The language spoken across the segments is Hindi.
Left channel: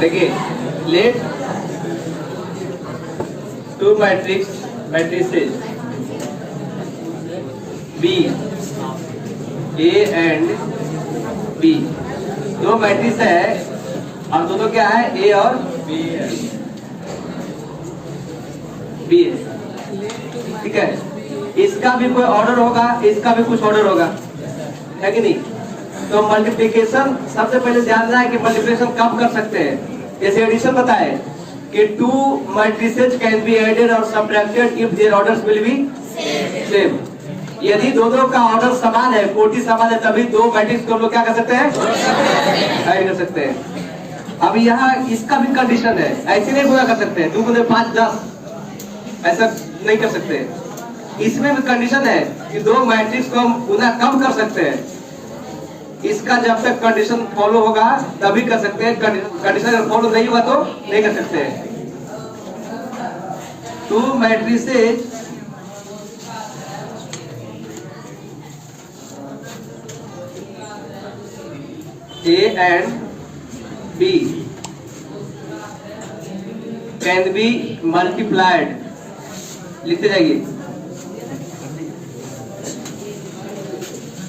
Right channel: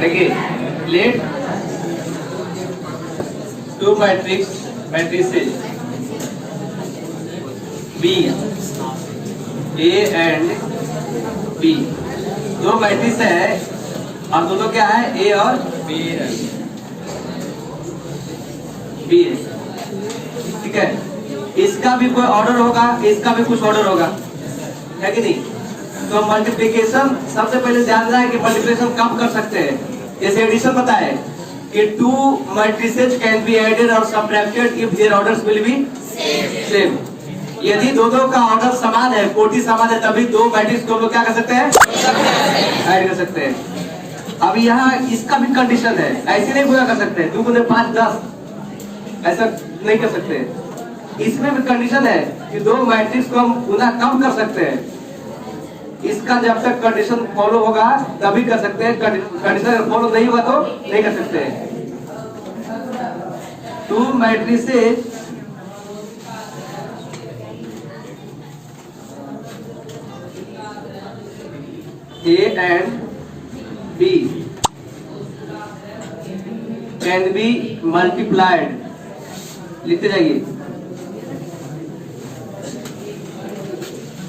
देखिए, let two matrices be A and B, दो मैट्रिक्स है और दोनों क्या है, ए और बी है, बी है, ठीक है। इसका भी कोई ऑर्डर होगा, इसका भी कुछ ऑर्डर होगा, है कि नहीं? तो मल्टीप्लिकेशन सबसे पहले ध्यान रहा है कि मल्टीप्लिकेशन कब कर सकते हैं। जैसे एडिशन बताए कि two matrices can be added और subtracted if their orders will be same. यदि दोनों का ऑर्डर समान है, कोटि समान है, तभी दो मैट्रिक्स को हम लोग क्या कर सकते हैं, ऐड कर सकते हैं। अब यहाँ इसका भी कंडीशन है, ऐसे नहीं पूरा कर सकते हैं 2 गुने 5 10, ऐसा नहीं कर सकते। इसमें भी कंडीशन है कि दो मैट्रिक्स को हम गुना कब कर सकते हैं। इसका जब तक कंडीशन फॉलो होगा तभी कर सकते हैं, कंडीशन अगर फॉलो नहीं हुआ तो नहीं कर सकते हैं। To matrices A and B can be multiplied, लिखते जाइए,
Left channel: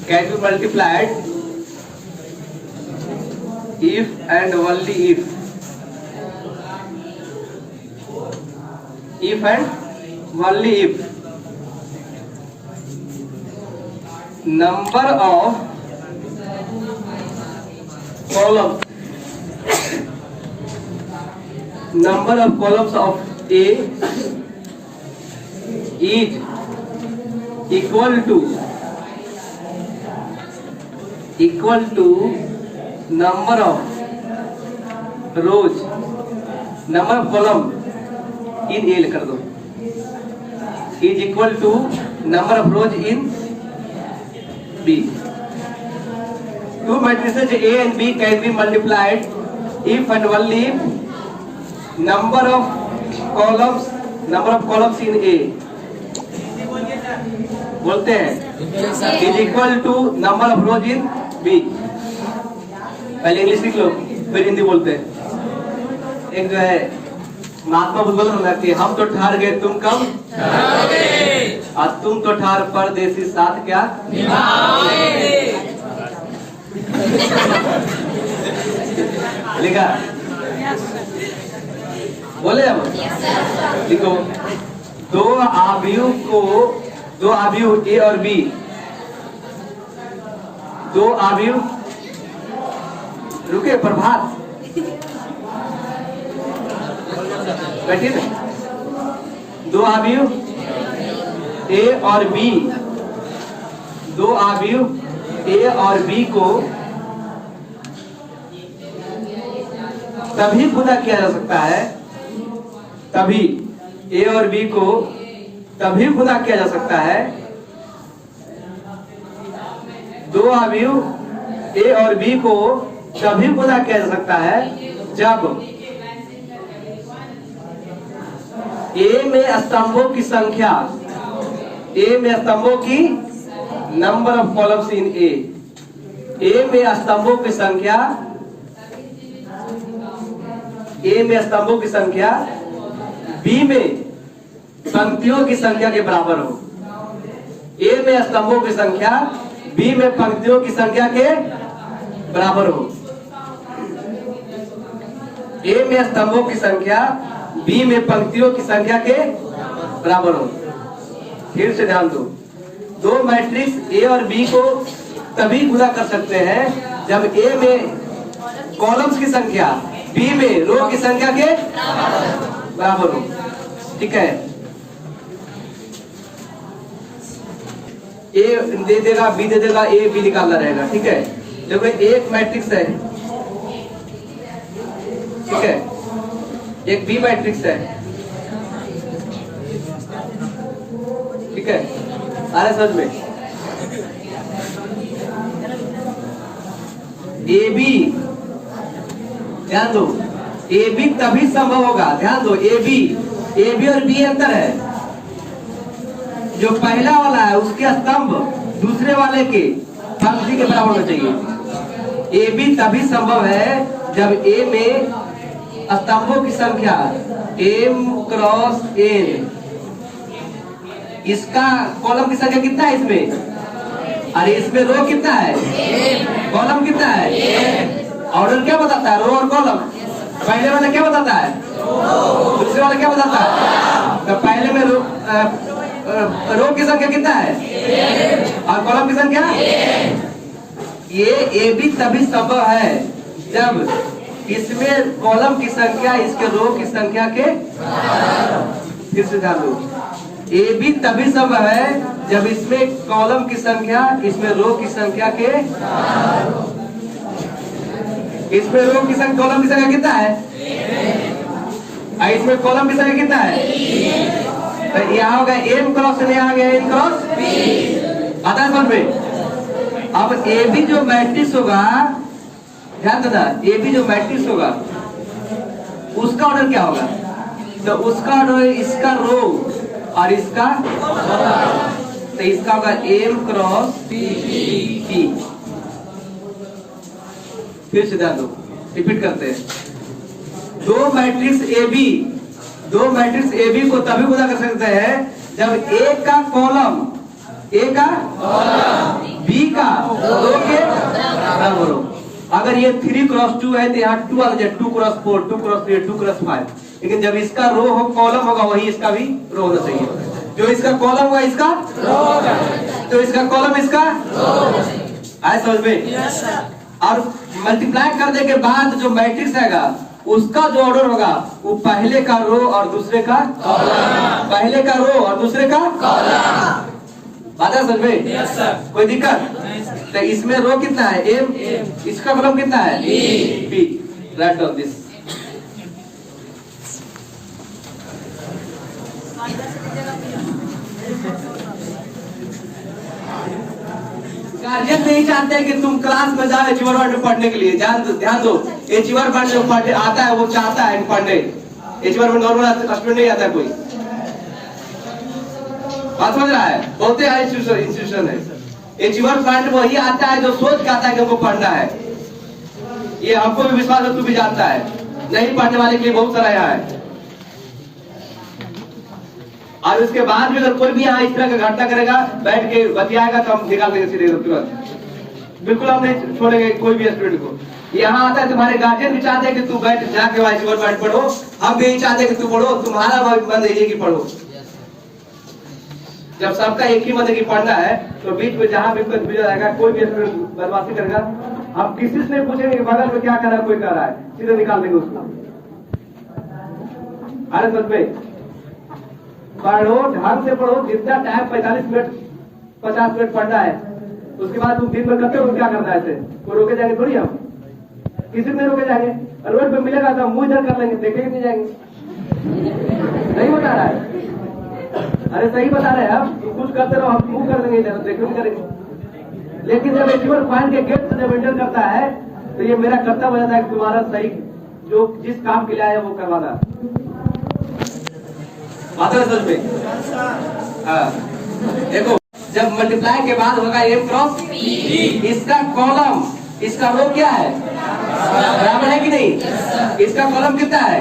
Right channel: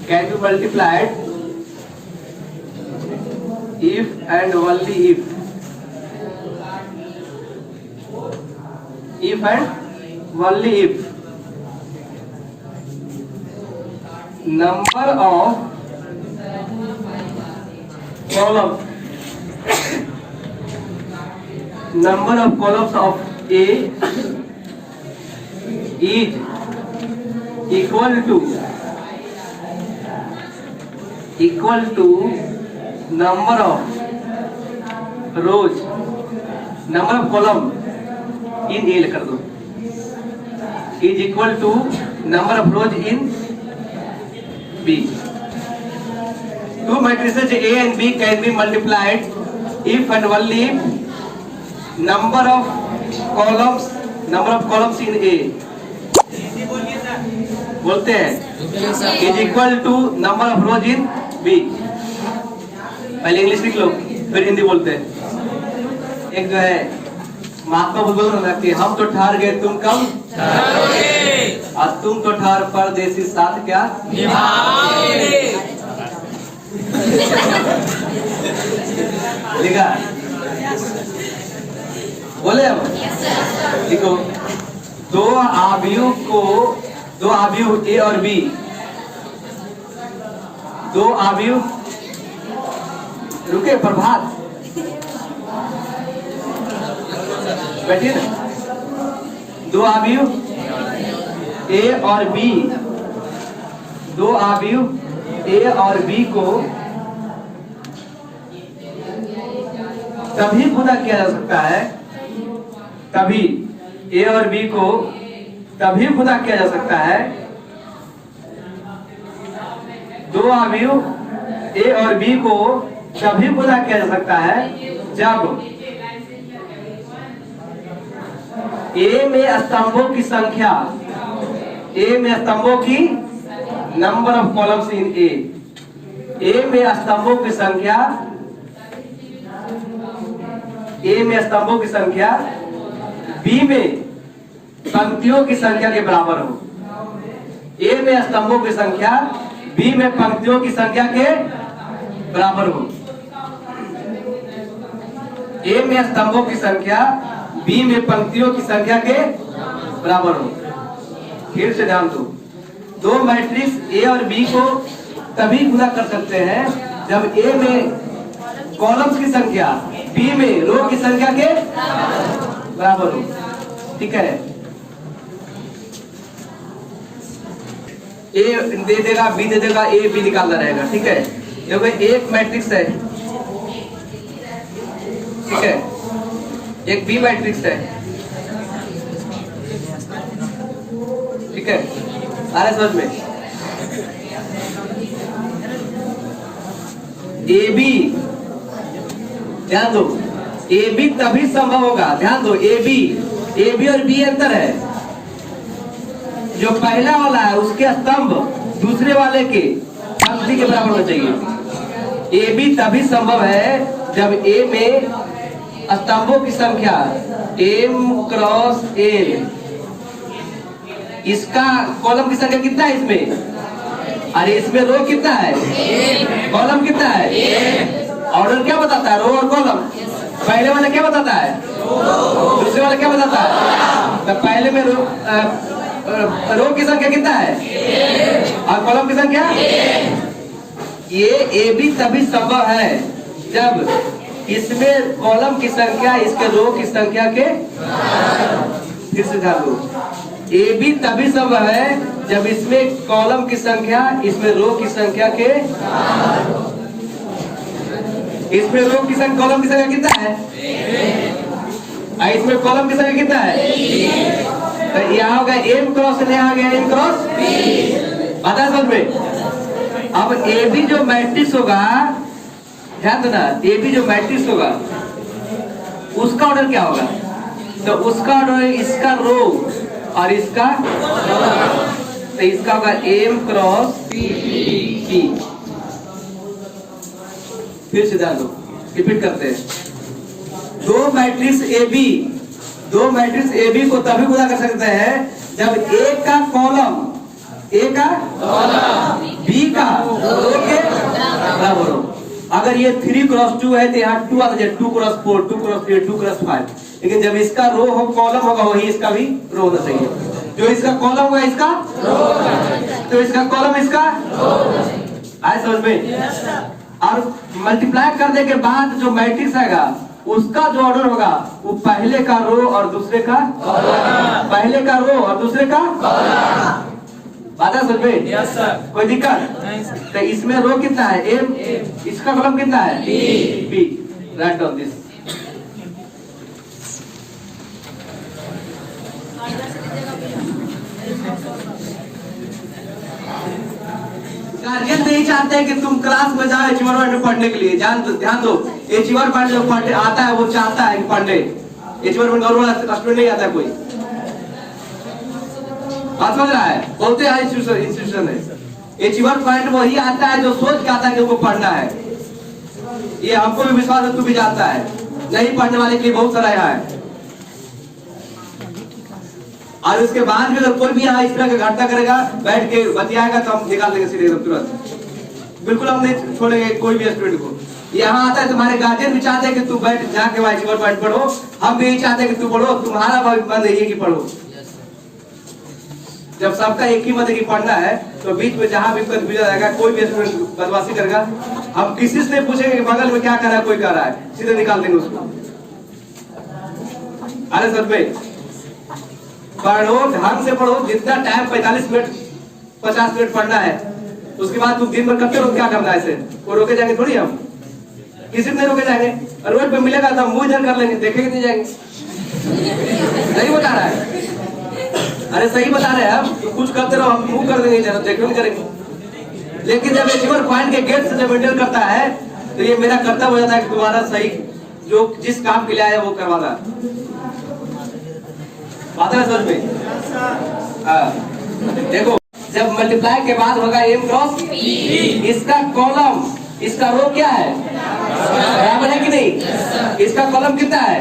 can be multiplied if and only if and only if number of columns of A is equal to number of rows, number of column in A कर दो, is equal to number of rows in B. Two matrices A and B can be multiplied if and only if number of columns in A बोलते हैं is equal to number of rows in B। पहले इंग्लिश लिख लो फिर हिंदी बोलते हैं। एक जो है महात्मा बुद्ध में लगती है, हम तो ठहर गए तुम कब और तुम तो ठहर परदेसी साथ क्या लिखा, बोले अब लिखो। दो आव्यूह ए और बी, दो आव्यूह, रुके प्रभात बैठिए, दो आव्यूह ए और बी, दो आव्यूह ए और बी को तभी गुना किया जा सकता है, तभी ए और बी को तभी गुना किया जा सकता है, दो आव्यूह ए और बी को तभी गुना किया जा सकता है जब ए में स्तंभों की संख्या, ए में स्तंभों की नंबर ऑफ कॉलम्स इन ए में स्तंभों की संख्या, ए में स्तंभों की संख्या बी में पंक्तियों की संख्या के बराबर हो। ए में स्तंभों की संख्या बी में पंक्तियों की संख्या के बराबर हो। ए में स्तंभों की संख्या बी में पंक्तियों की संख्या के बराबर हो। फिर से ध्यान दो, दो मैट्रिक्स ए और बी को तभी गुना कर सकते हैं जब ए में कॉलम्स की संख्या बी में रो की संख्या के बराबर हो, ठीक है। ए दे देगा, बी दे देगा, ए बी निकालना रहेगा, ठीक है। क्योंकि एक मैट्रिक्स है, ठीक है, एक बी मैट्रिक्स है, ठीक है, आ रहा समझ में। ए बी, ध्यान दो, ए बी तभी संभव होगा, ध्यान दो, ए बी और बी अंतर है। जो पहला वाला है उसके स्तंभ दूसरे वाले के पंक्ति के बराबर होना चाहिए। ए बी तभी संभव है जब ए में स्तंभों की संख्या m क्रॉस n, इसका कॉलम की संख्या कितना है इसमें? अरे इसमें रो कितना है? कॉलम कितना है? ऑर्डर क्या बताता है? रो और कॉलम। पहले वाला क्या बताता है? दूसरे वाला क्या बताता है? तो पहले में रो की संख्या कितना है और कॉलम की संख्या? ये ए बी तभी संभव है जब इसमें कॉलम की संख्या इसके रो की संख्या के, फिर से ध्यान दो, ए बी तभी संभव है जब इसमें कॉलम की संख्या इसमें रो की संख्या के, इसमें रो की संख्या कॉलम की संख्या कितना है? इसमें कॉलम की संख्या कितना है? तो यहाँ हो गया m क्रॉस n, आ गया n क्रॉस b। पता समझ में? अब ए बी जो मैट्रिक्स होगा, ध्यान देना, ए बी जो मैट्रिक्स होगा उसका ऑर्डर क्या होगा? तो उसका ऑर्डर है इसका रो और इसका, तो इसका होगा m क्रॉस p। फिर सीधा लो, रिपीट करते हैं। दो मैट्रिक्स ए बी को तभी गुणा कर सकते हैं जब ए का कॉलम बी का रो के बराबर हो। अगर ये 3 क्रॉस 2 है तो यहाँ 2 आ जाए, 2 क्रॉस 4, 2 क्रॉस 3, 2 क्रॉस 5। लेकिन जब इसका रो हो कॉलम होगा वही इसका भी रो होना चाहिए। जो इसका कॉलम होगा इसका रो होगा, तो इसका कॉलम इसका रो होना चाहिए। आए समझ में? और मल्टीप्लाई करने के बाद जो मैट्रिक्स आएगा उसका जो ऑर्डर होगा वो पहले का रो और दूसरे का कॉलम, पहले का रो और दूसरे का कॉलम। बात समझ में? Yes sir. कोई दिक्कत? तो इसमें रो कितना है? m, इसका कॉलम कितना है? b। Write down this. Guardian नहीं चाहते कि तुम क्लास में जाओ एचीवर पॉइंट पढ़ने के लिए। ध्यान दो, एचीवर पॉइंट जो पढ़ने आता है वो चाहता है कि पढ़ने। एचीवर में नॉर्मल स्टूडेंट नहीं आता कोई। बात समझ रहा है? बहुत ही इंस्टीट्यूशन है। एचीवर पॉइंट वही आता है जो सोच के आता है कि हमको पढ़ना है। ये हमको भी विश्वास है, तू भी जानता है। नहीं पढ़ने वाले के लिए बहुत सारा यहाँ है। और उसके बाद भी अगर कोई भी यहाँ इस तरह का घंटा करेगा, बैठ के बतियाएगा तो हम निकाल देंगे सीधे तुरंत। बिल्कुल हम नहीं छोड़ेंगे कोई भी स्टूडेंट को। यहाँ आता है तुम्हारे गार्जियन भी चाहते हैं कि तू बैठ जाके एचीवर पॉइंट पढ़ो, हम भी चाहते हैं कि तू पढ़ो। तुम्हारा मन है कि पढ़ो। जब सबका एक ही मन है कि पढ़ना है तो बीच में जहां भी कंफ्यूजन आएगा, कोई भी स्टूडेंट बदमाशी करेगा, हम किसी से नहीं पूछेंगे कि बगल में क्या कर रहा है, कोई कर रहा है, सीधे निकाल देंगे उसको। अरे सर पे पढ़ो, ढंग से पढ़ो। जितना टाइम 45 मिनट 50 मिनट पढ़ना है, उसके बाद तुम दिन भर करते रहो। क्या करना है इसे? कोई रोके जाएंगे थोड़ी, हम किसी ने रोके जाएंगे। रोड पे मिलेगा तो मुंह इधर कर लेंगे, देखेंगे नहीं जाएंगे। नहीं बता रहा है? अरे सही बता रहे हैं हम। तो कुछ करते रहो, हम मुंह कर देंगे, जरा देखो नहीं करेंगे। लेकिन जब एचीवर पॉइंट के गेट से जब एंटर करता है तो ये मेरा कर्तव्य हो जाता है कि तुम्हारा सही जो जिस काम के लिए आया वो करवाना। बात है समझ में? देखो, जब मल्टीप्लाई के बाद होगा m क्रॉस p, इसका कॉलम इसका रो क्या है? बराबर है कि नहीं? इसका कॉलम कितना है?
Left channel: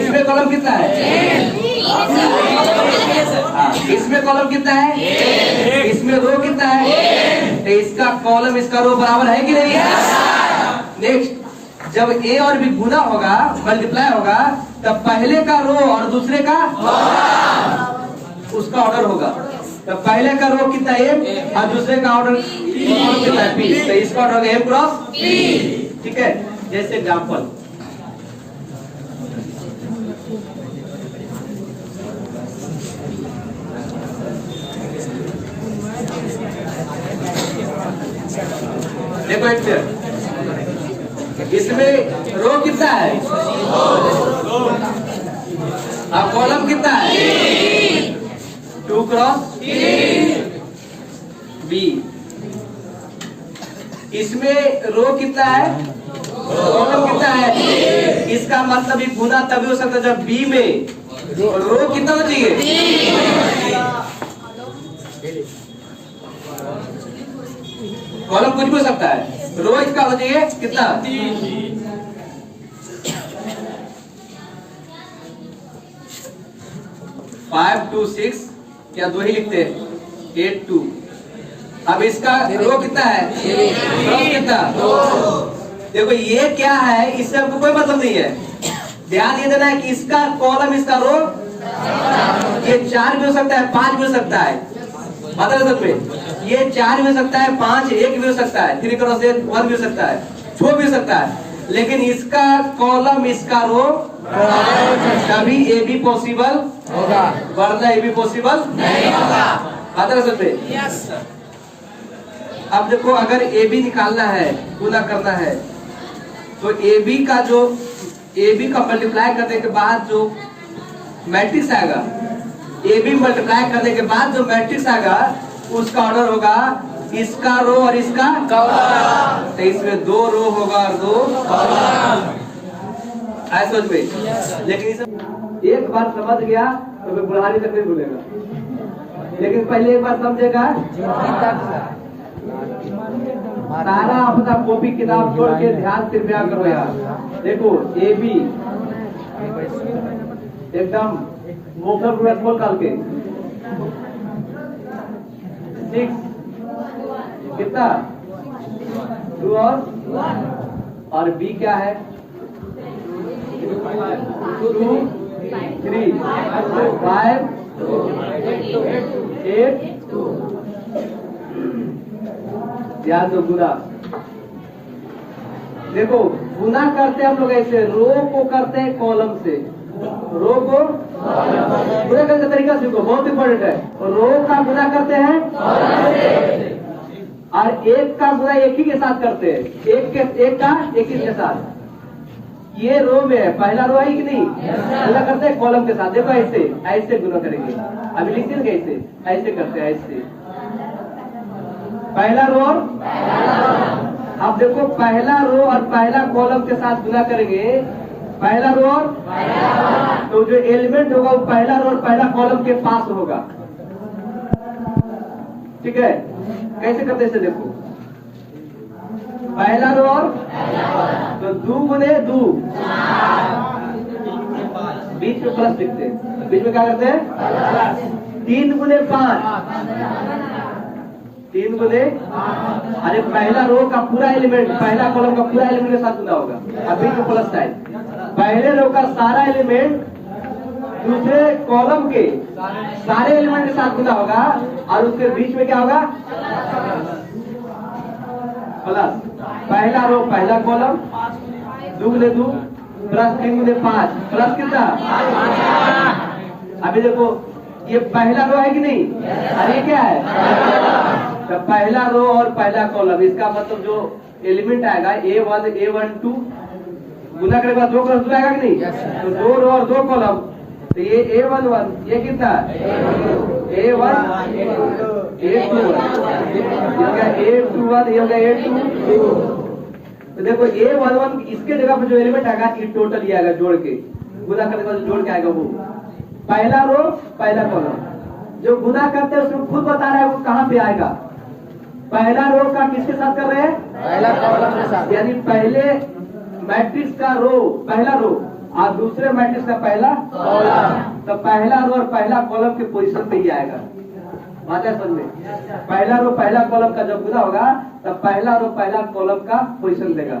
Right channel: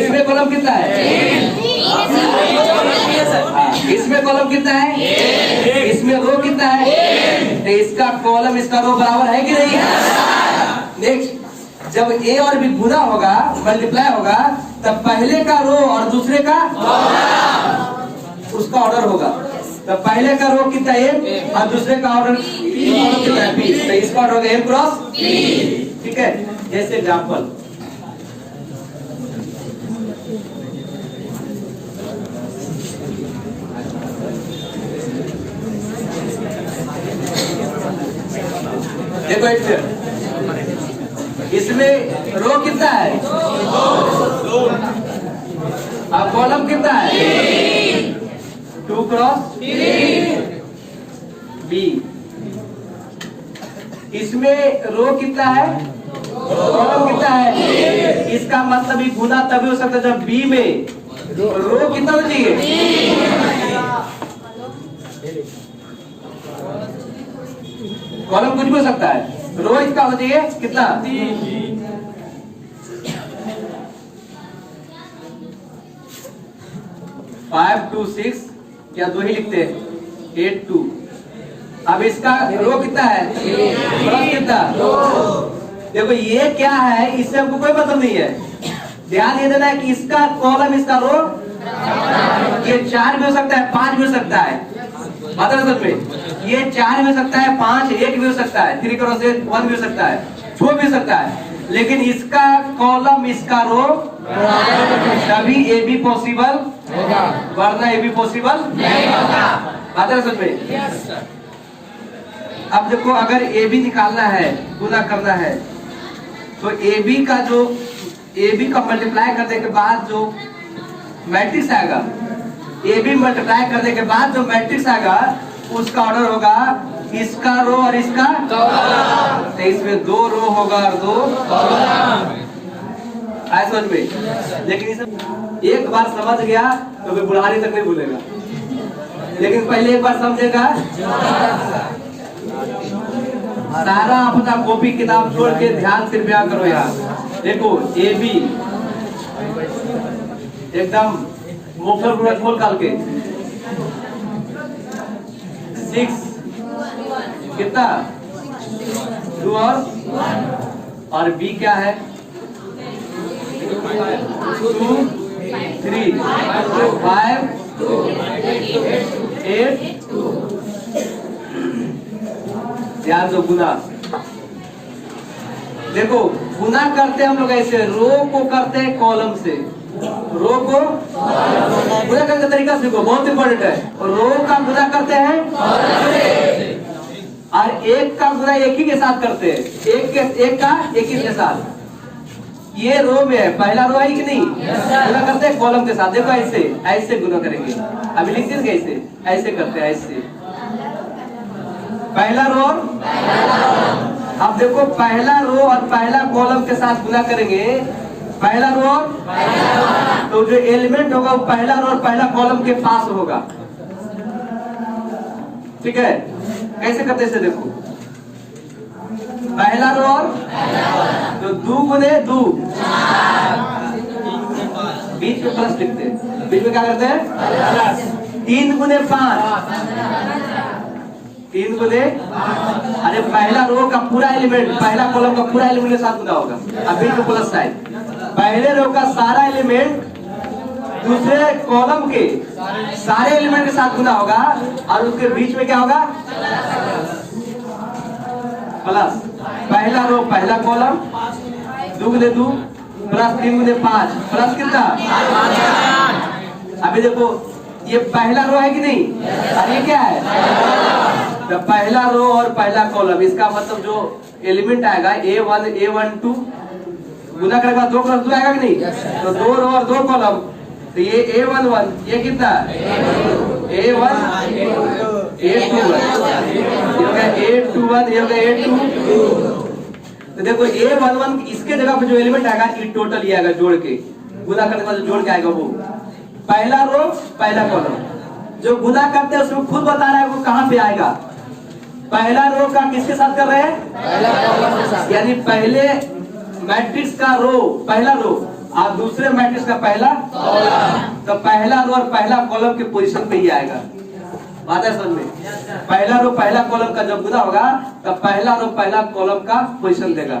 इसमें कॉलम कितना है? इसमें कॉलम कितना है? इसमें रो कितना है? तो इसका कॉलम इसका रो बराबर है कि नहीं? नेक्स्ट, जब a और b गुना होगा, मल्टीप्लाई होगा, तब पहले का रो और दूसरे का उसका ऑर्डर होगा। तो पहले का रो कितना है m और दूसरे का ऑर्डर कितना है p। तो इसका ऑर्डर होगा m क्रॉस p। ठीक है? जैसे एग्जाम्पल, देखो इसमें रो कितना है और कॉलम कितना है? 2 क्रॉस b। इसमें रो कितना है, कॉलम कितना है? इसका मतलब भी गुना तभी हो सकता है जब b में रो कितना होना चाहिए? कॉलम कुछ भी हो सकता है, रो इसका होना चाहिए कितना? 5 2 6 क्या 2 ही लिखते हैं 8 2। अब इसका रो कितना है कॉलम कितना 2। देखो ये क्या है इससे हमको कोई मतलब नहीं है। ध्यान ये देना है कि इसका कॉलम इसका रो ये 4 भी हो सकता है 5 भी हो सकता है। पता है समझ में ये 4 भी हो सकता है 5 1 भी हो सकता है 3 क्रॉस 1 भी हो सकता है 4 भी हो सकता है। लेकिन इसका कॉलम इसका रो कभी ए बी पॉसिबल होगा वरना ए बी पॉसिबल नहीं होगा। पता है समझ में। अब देखो अगर ए बी निकालना है गुना करना है तो ए बी का जो ए बी का मल्टीप्लाई करने के बाद जो मैट्रिक्स आएगा ए बी मल्टीप्लाई करने के बाद जो मैट्रिक्स आएगा उसका ऑर्डर होगा इसका रो और इसका कॉलम। तो इसमें 2 रो होगा और 2 कॉलम। ऐसा समझ में। लेकिन एक बार समझ गया तो फिर बुढ़ारी तक नहीं भूलेगा। लेकिन पहले एक बार समझेगा सारा अपना कॉपी किताब छोड़ के ध्यान से प्रयास करो यार। देखो ए बी एकदम मोटर पूरा खोल काल के 6 कितना 2 और बी क्या है 2 3 5 8 ध्यान दो गुना। देखो गुना करते हम लोग ऐसे रो को करते हैं कॉलम से रो को गुना करने का तरीका सीखो बहुत इंपॉर्टेंट है। रो का गुना करते हैं और एक का गुना एक ही के साथ करते हैं एक का एक ही के साथ। ये रो में है पहला रो है कि नहीं गुना करते हैं कॉलम के साथ। देखो ऐसे ऐसे गुना करेंगे अभी लिखते हैं कैसे ऐसे करते हैं ऐसे पहला रो। अब देखो पहला रो और पहला कॉलम के साथ गुना करेंगे पहला रो तो जो एलिमेंट होगा वो पहला रो और पहला कॉलम के पास होगा। ठीक है कैसे करते हैं देखो पहला रो तो 2 गुने 2 बीच में प्लस लिखते हैं बीच में क्या करते हैं 3 गुने 5 3 गुने अरे पहला रो का पूरा एलिमेंट पहला कॉलम का पूरा एलिमेंट के साथ गुना होगा। अभी तो प्लस साइन पहले रो का सारा एलिमेंट दूसरे कॉलम के सारे एलिमेंट के साथ गुना होगा और उसके बीच में क्या होगा प्लस। पहला रो पहला कॉलम 2 गुने 2 प्लस 3 गुने 5 प्लस कितना। अभी देखो ये पहला रो है कि नहीं और ये क्या है तो पहला रो और पहला कॉलम इसका मतलब जो एलिमेंट आएगा A1 A12 गुना करने के बाद 2 + 2 आएगा कि नहीं तो 2 रो और 2 कॉलम तो ये A11 ये कितना A1 A21 A21 ये होगा A22। तो देखो A11 इसके जगह पे जो एलिमेंट आएगा ये टोटल ये आएगा जोड़ के गुना करने के बाद जोड़ के आएगा वो पहला रो पहला कॉलम। जो गुना करते हैं उसमें खुद बता रहा है वो कहां पे आएगा। पहला रो का किसके साथ कर रहे हैं पहला कॉलम के साथ यानी पहले मैट्रिक्स का रो पहला रो और दूसरे मैट्रिक्स का पहला कॉलम। तो पहला रो और पहला कॉलम के पोजीशन पे ही आएगा। बात है समझ में। पहला रो पहला कॉलम का जब गुना होगा तो पहला रो पहला कॉलम का पोजीशन देगा।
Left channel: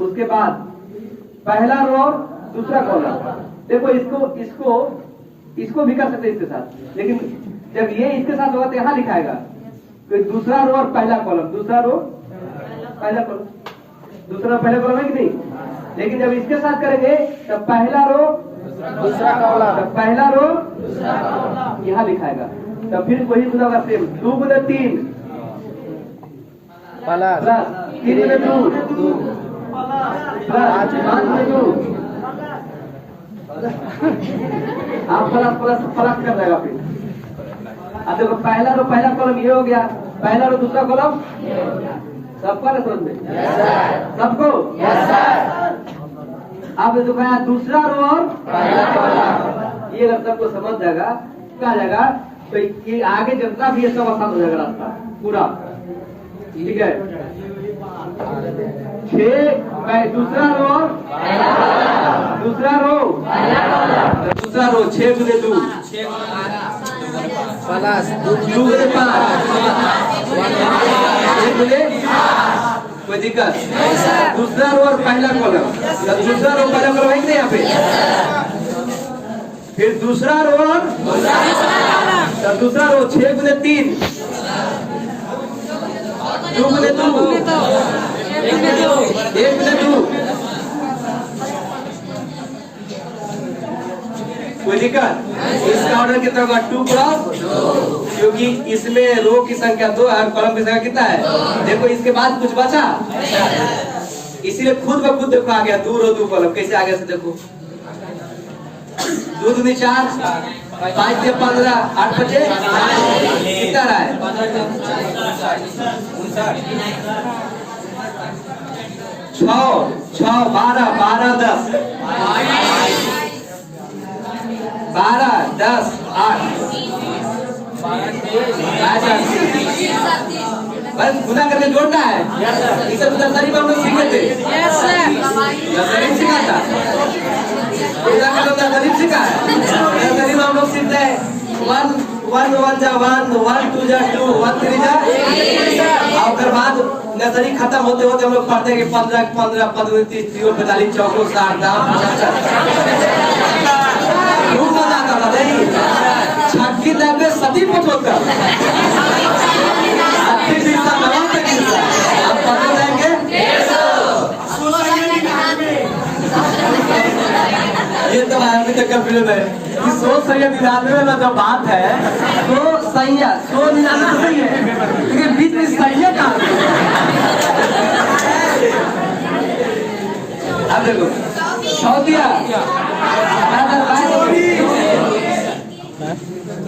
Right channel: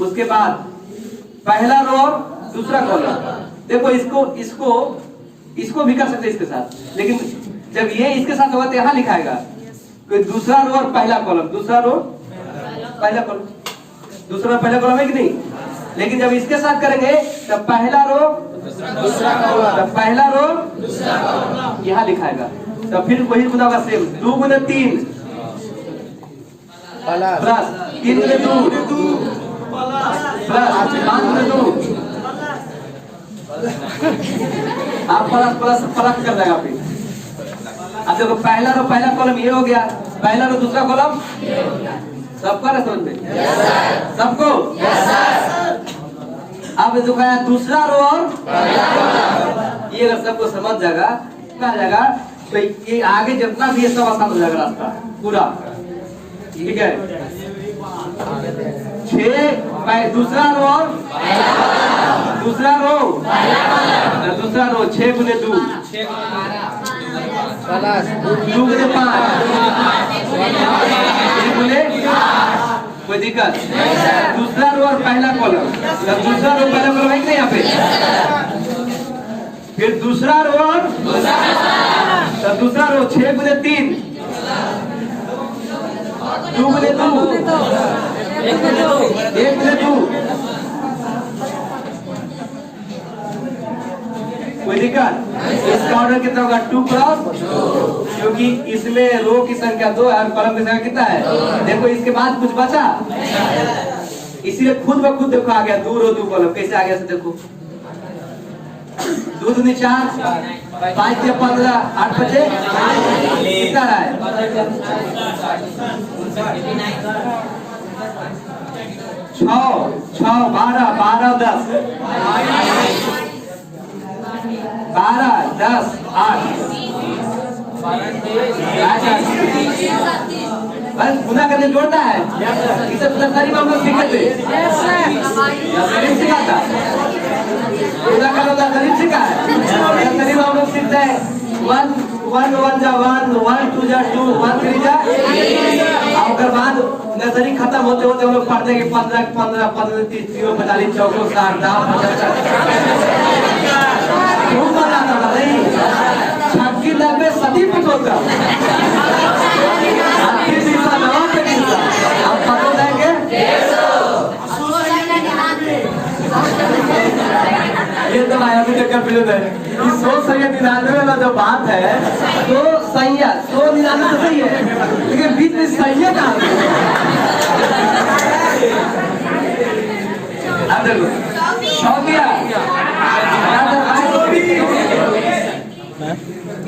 उसके बाद पहला रो और दूसरा कॉलम देखो इसको भी कर सकते इसके साथ लेकिन जब ये इसके साथ होगा तो यहाँ लिखाएगा कि दूसरा रो और पहला कॉलम दूसरा रो पहला कॉलम दूसरा पहला कॉलम है कि नहीं। लेकिन जब इसके साथ करेंगे तब पहला रो दूसरा कॉलम पहला रो दूसरा कॉलम यहाँ लिखाएगा। तब फिर वही गुना होगा सेम 2 गुने 3 प्लस 3 गुने 2 प्लस 5 गुने 2 आप प्लस कर देगा फिर। अब देखो पहला रो पहला कॉलम ये हो गया पहला रो दूसरा कॉलम सबका ना समझ में सबको अब देखो यहाँ दूसरा रो और पहला कॉलम ये अगर सबको समझ जाएगा क्या जाएगा तो ये आगे जितना भी सब आसान हो जाएगा रास्ता पूरा। ठीक है 6 दूसरा रो और दूसरा रो 6 गुने 2 2 गुने 5 1 गुने कोई दिक्कत? दूसरा रो और पहला कॉलम, दूसरा रो पहला कॉलम है कि नहीं यहाँ पे? फिर दूसरा रो और दूसरा रो 6 गुने 3 2 गुने 2 1 गुने 2 कोई दिक्कत? इसका ऑर्डर कितना होगा? 2 क्रॉस, क्योंकि इसमें रो की संख्या 2 है और कॉलम की संख्या कितना है? देखो इसके बाद कुछ बचा, इसीलिए खुद ब खुद देखो आ गया 2 रो 2 कॉलम। कैसे आ गया से देखो, 2 दूनी 4 5 से 15 8 बचे कितना रहा है? 6 12 12 10 12 10 8 बस गुना करके जोड़ता है। ये सब दसरी में हम लोग सीखे थे। दसरी सीखा था, गुना करना दसरी सीखा है। दसरी में हम लोग सीखते हैं 1 1 1 जा 1 1 2 जा 2 1 3 जा। और बाद नर्सरी खत्म होते होते हम लोग पढ़ते हैं कि 15 15 15 30 0 45 44 60 खूब मजा आता था नहीं? छक्की लैब में सदी कुछ होता है। आप कब जाएंगे? ये तो आया मुझे कंफ्यूजन है कि 199 वाला जो बात है तो सही है, 199 सही है, लेकिन बीच में सही है कहाँ? अब देखो 100 दिया,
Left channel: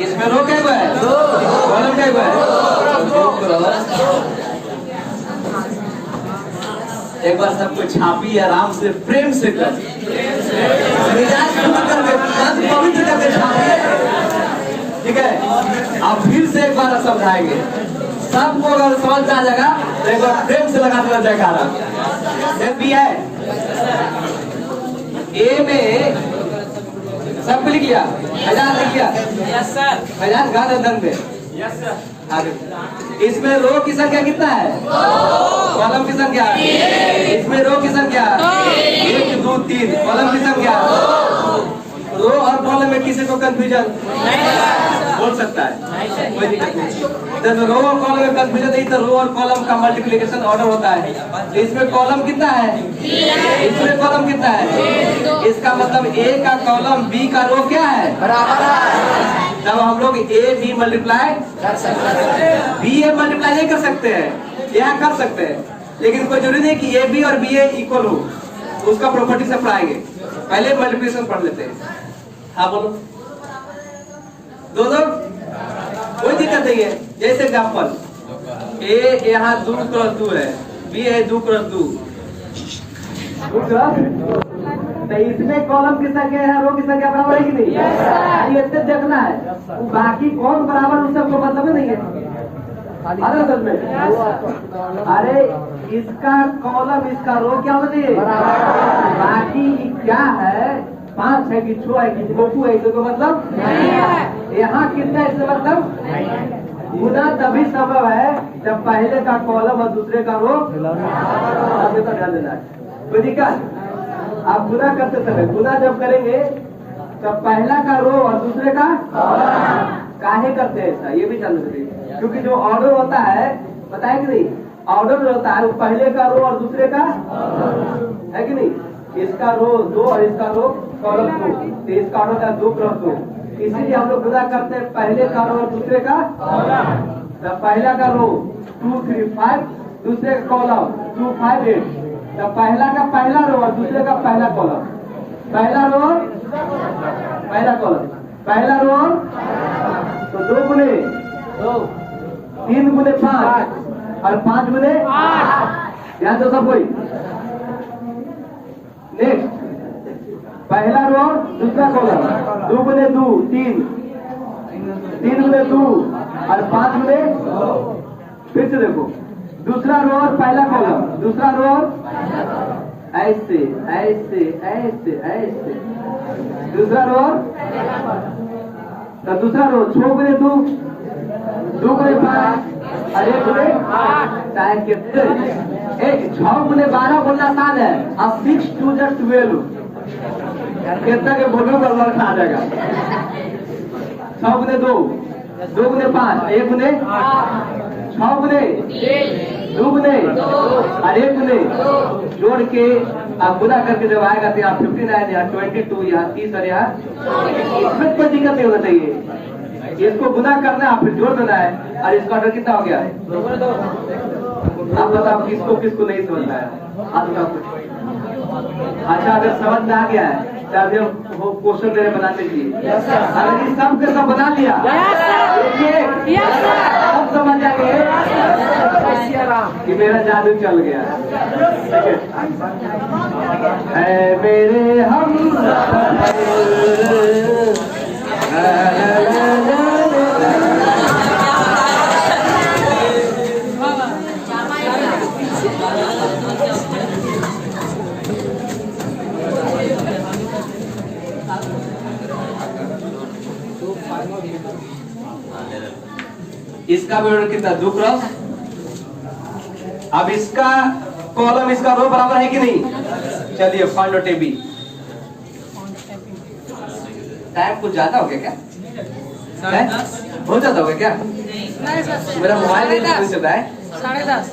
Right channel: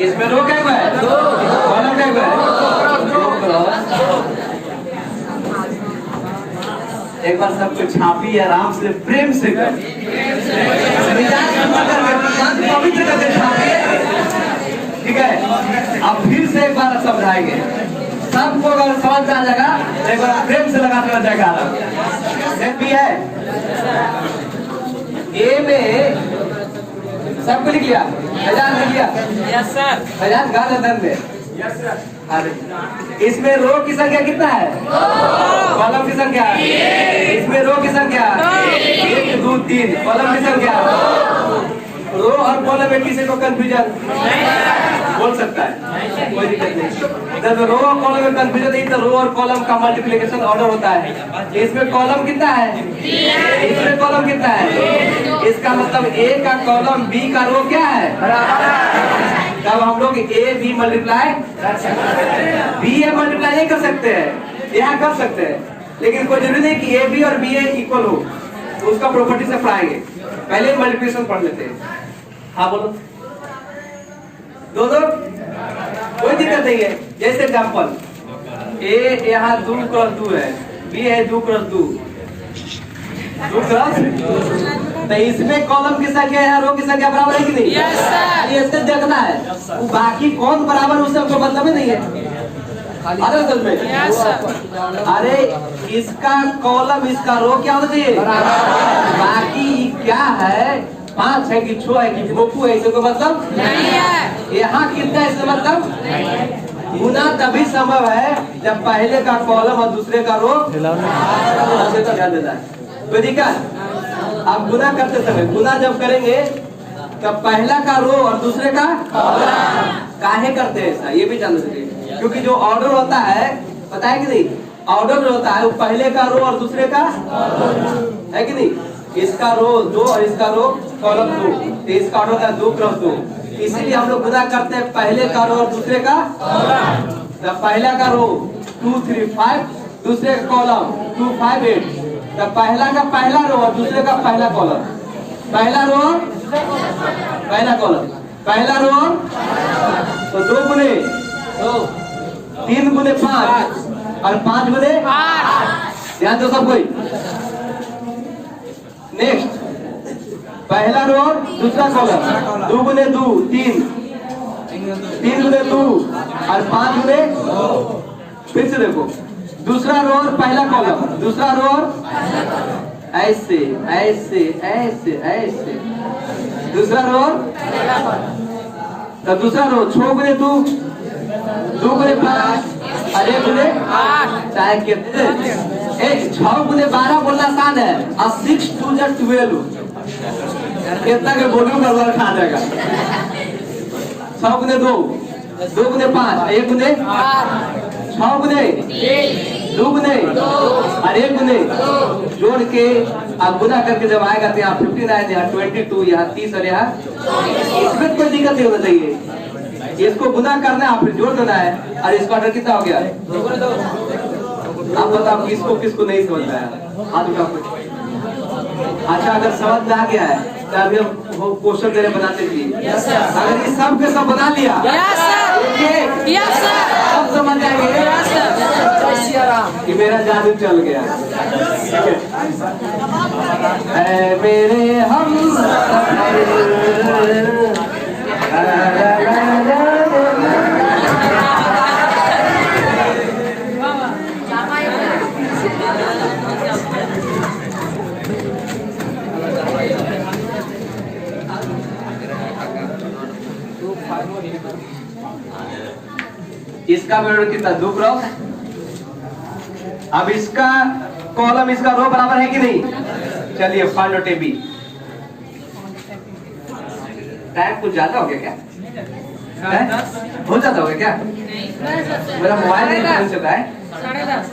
इसमें रो क्या है? कॉलम क्या है? एक बार सबको छापी आराम से प्रेम से कर, ठीक है? अब फिर से एक बार समझाएंगे सबको, अगर समझ में आ जाएगा एक बार प्रेम से लगा कर जाएगा। भी है ए में सबको लिख लिया, हजार लिख लिया, हजार गांधर में। इसमें रो की संख्या कितना है? कॉलम की संख्या, इसमें रो की संख्या 1 2 3, कॉलम की संख्या। रो और कॉलम में किसी को कंफ्यूजन बोल सकता है, कोई दिक्कत नहीं। जब रो और कॉलम में कंफ्यूजन नहीं तो रो और कॉलम का मल्टीप्लिकेशन ऑर्डर होता है। इसमें कॉलम कितना है? इसमें कॉलम कितना है? इसका मतलब ए का कॉलम बी का रो क्या है? बराबर है। तब हम लोग ए बी मल्टीप्लाई कर सकते हैं, बी ए मल्टीप्लाई नहीं कर सकते हैं, यहाँ कर सकते हैं, लेकिन कोई जरूरी नहीं कि ए बी और बी ए इक्वल हो। उसका प्रॉपर्टी सब पढ़ाएंगे, पहले मल्टीप्लिकेशन पढ़ लेते हैं। हाँ बोलो, दो कोई दिक्कत नहीं है। जैसे एग्जाम्पल ए यहाँ 2 क्रॉस 2 है, बी है 2 क्रॉस 2 क्रॉस, तो इसमें कॉलम की संख्या है, रो की संख्या बराबर है कि नहीं? ये इससे देखना है, बाकी कौन बराबर उससे हमको मतलब नहीं है। में अरे इसका कॉलम इसका रो क्या होना चाहिए? बाकी क्या है? 5 है कि 6 है कि मोकू है, इसको मतलब नहीं है। यहाँ कितना है इसका मतलब? गुना तभी संभव है जब पहले का कॉलम और दूसरे का रो ध्यान देना है। कोई दिक्कत? आप गुना करते समय, गुना जब करेंगे तब पहला का रो और दूसरे का काहे करते हैं ऐसा, ये भी जान लीजिए। क्योंकि जो ऑर्डर होता है, पता है कि नहीं? ऑर्डर जो होता है वो पहले का रो और दूसरे का है कि नहीं? इसका रो 2 और इसका रो कॉलम 2, तो इसका ऑर्डर होता है 2 क्रॉस 2। इसीलिए हम लोग गुना करते हैं पहले का रो और दूसरे का। पहला का रो 2 3 5, दूसरे का कॉलम 2 5 8। तो पहला का पहला रो और दूसरे का पहला कॉलम, पहला रो पहला कॉलम, पहला रो तो 2 गुने 3 गुने 5 और 5 गुने 8। ध्यान दो सब कोई। नेक्स्ट पहला रो दूसरा कॉलम 2 गुने 2 3, 3 गुने 2 और 5 गुने। फिर से देखो दूसरा रो और पहला कॉलम, दूसरा रो और ऐसे ऐसे ऐसे ऐसे। दूसरा रो, तो दूसरा रो 6 गुने 2, 2 गुने 5 और 1 गुने 8 कितने? 6 गुने 12 बोलना आसान है और 6 2 जा 12 कितना के बोलूं बरबर खा जाएगा। 6 गुने 2, 2 गुने 5, 1 गुने 6 गुने 2 गुने और 1 गुने जोड़ के आप गुना करके जब आएगा तो यहाँ 15 आएगा, यहाँ 22, यहाँ 30 और यहाँ इसमें कोई दिक्कत नहीं होना चाहिए। इसको गुना करना है, फिर जोड़ देना है। और इसका ऑर्डर कितना हो गया? आप बताओ किसको किसको नहीं समझ आया हाथ उठाओ। अच्छा अगर समझ में आ गया है तो अभी हम वो क्वेश्चन तेरे बनाते थे। अगर इस सब के सब बना लिया सब समझ आ गए कि मेरा जादू चल गया। मेरे हम इसका भी कितना 2 क्रॉस। अब इसका कॉलम इसका रो बराबर है कि नहीं? चलिए फाइंड आउट AB। टाइम कुछ ज्यादा हो गया क्या? हो जाता होगा क्या? मेरा मोबाइल नहीं चल रहा है। 10:30।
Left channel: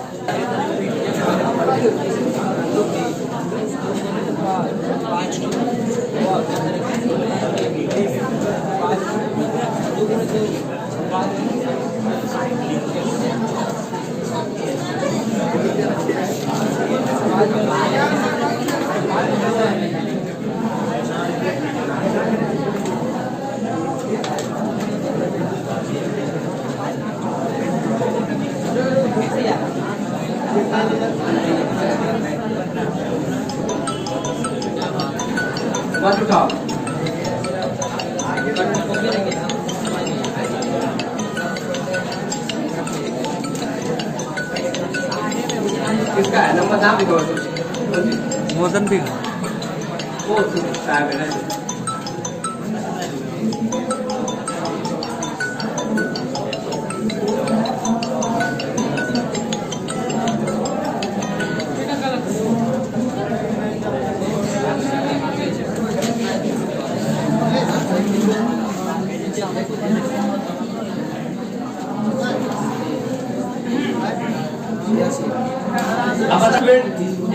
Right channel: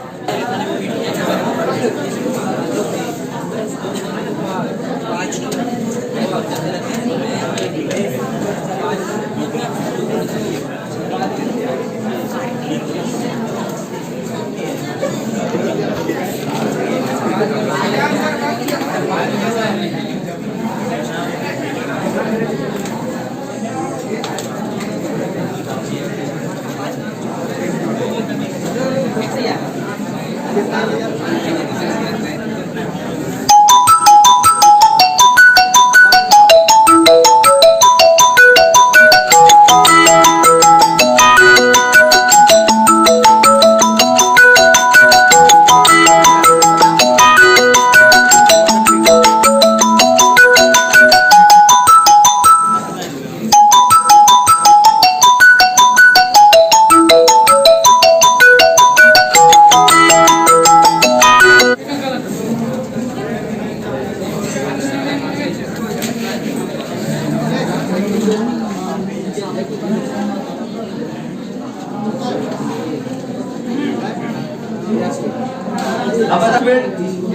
अब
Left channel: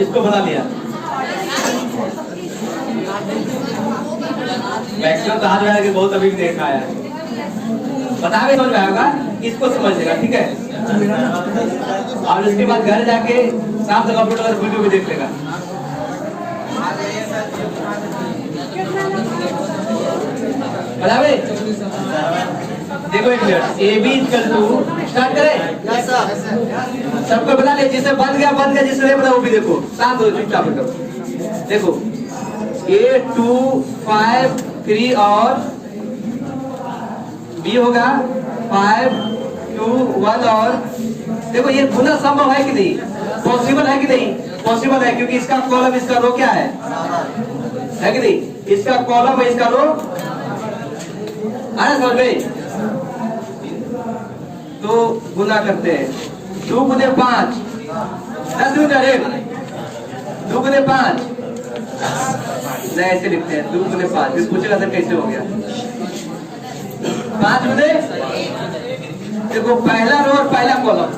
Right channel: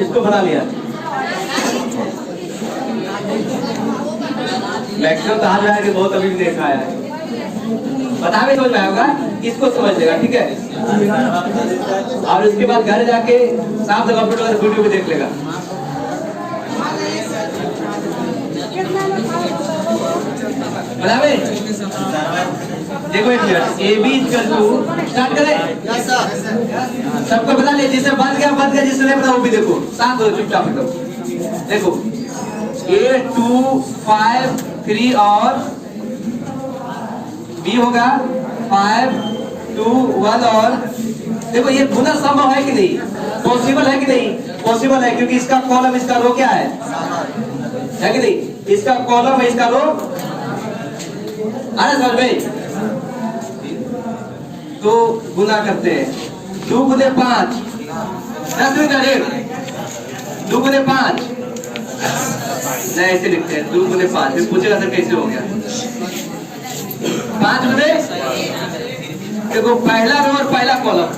इसको बना लिया। मैक्सिमम कहा जाएगा कि बहुत अभी भी देखा है, पता भी समझ में आएगा, इसको समझ लेगा। ठीक है, और इसके बाद घर जाके साफ जगह पर वीडियो भी देख लेगा। देखो एक मिनट, AB स्टार्ट करें। सबको बता दे, जिसे बन गया जिसे नहीं पता वो भी देखो। साथ हो चुपचाप देखो 8 2 5 3 और B होगा 5 2 1 और देखो ये गुना संभव है कि नहीं? पॉसिबल है कि नहीं? पॉसिबल है, क्योंकि इसका कॉलम इसका रो क्या है कि नहीं? इसका कॉलम है इसका रो। अरे समझ में तो गुना करते हैं 2 गुने 5 10 में करें 2 गुने 5 नहीं ऐसे लिखते हैं 2 गुने 5। फिर पूछेगा सर कैसे हो गया 5 गुने। देखो पहला रो और पहला कॉलम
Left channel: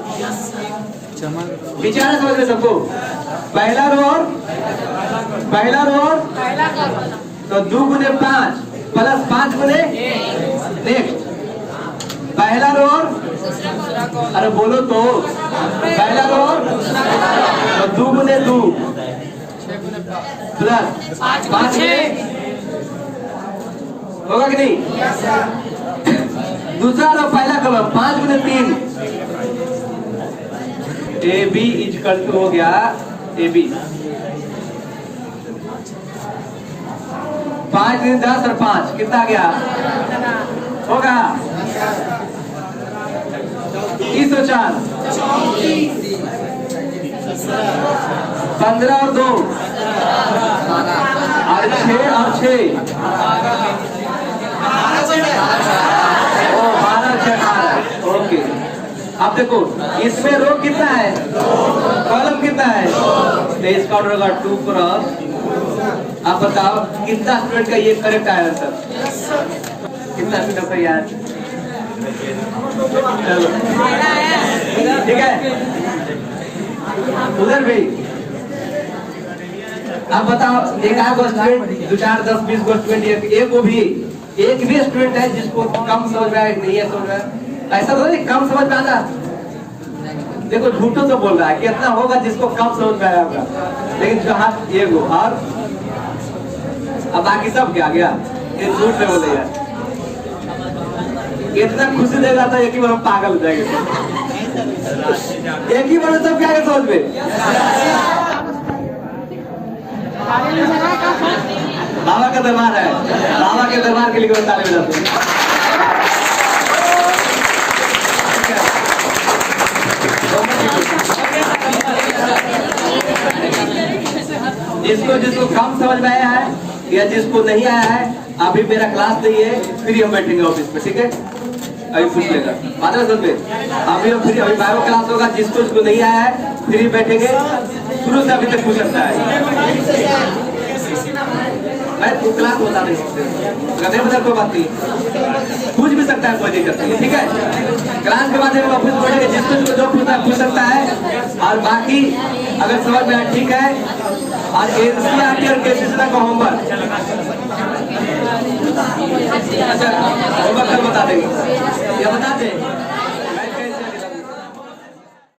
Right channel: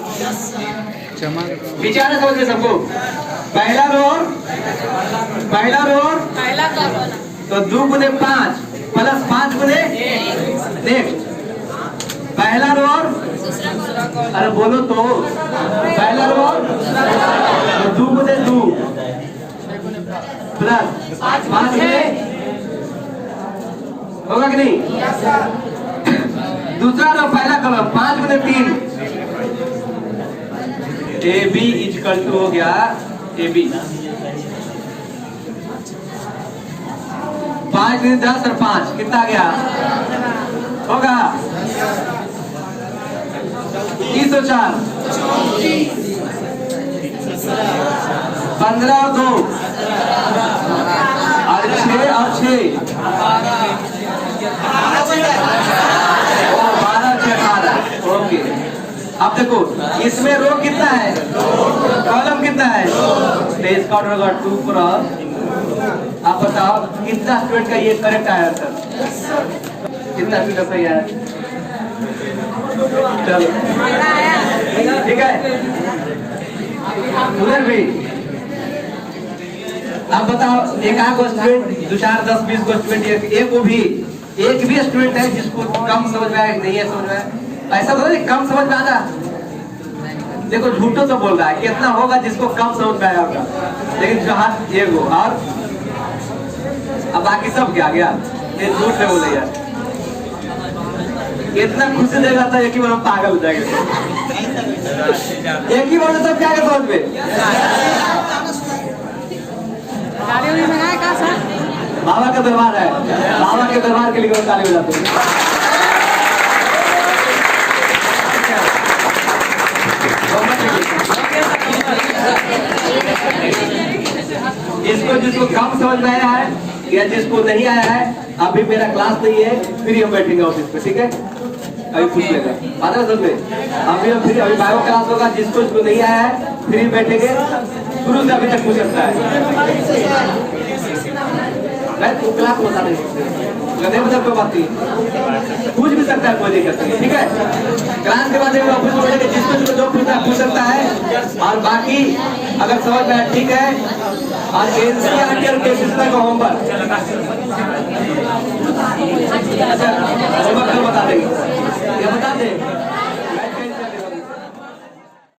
विचार समझ रहे सबको। पहला रो तो 2 गुने 5 प्लस 5 गुने नेक्स्ट पहला रो। अरे बोलो तो पहला रो तो 2 गुने 2 प्लस 5 गुने होगा कि नहीं? दूसरा रो पहला कलर 5 गुने 3 AB इक्वल टू हो गया AB 5 गुने 10 और 5 कितना गया होगा 30 और 4 15 और 2 और 6 और 6 12 6 18। ओके, अब देखो इसमें रो कितना है, कॉलम कितना है, तो इसका ऑर्डर होगा 2 क्रॉस। आप बताओ कितना स्टूडेंट का ये करेक्ट आया आंसर, कितना का सही आया? ठीक है, उधर भी अब बताओ एक आध स्टूडेंट 2 4 10 20 स्टूडेंट, एक भी स्टूडेंट है जिसको कम समझ में आया, नहीं है समझ में, ऐसा तो नहीं कम समझ में आना। देखो झूठो तो बोल रहा है, कितना होगा जिसको कम समझ में आया होगा, लेकिन कहा एक गो और अब बाकी सब क्या गया, ये झूठ नहीं बोले यार। इतना खुशी देगा था, एक ही बार हम पागल हो जाएंगे, एक ही बार में सब क्या है समझ में। बाबा का दरबार है, बाबा के दरबार के लिए ताली बजाते हैं। जिसको कम समझ में आया है या जिसको नहीं आया है, अभी मेरा क्लास नहीं है, फ्री हम बैठेंगे ऑफिस में, ठीक है, अभी पूछ लेगा आधा समझे। अभी बायो क्लास होगा, जिसको नहीं आया है फ्री बैठेंगे, शुरू से अभी तक पूछ सकता है। मैं क्लास बता नहीं सकते, नहीं बता कोई बात नहीं, पूछ भी सकता है, कोई दिक्कत नहीं, ठीक है। क्लास के बाद वापस बोलेंगे, जिसको जो पूछना पूछ सकता है, और बाकी अगर समझ में आया ठीक है। और एनसीईआरटी और केसीसी का होमवर्क बता देंगे, ये बता दें।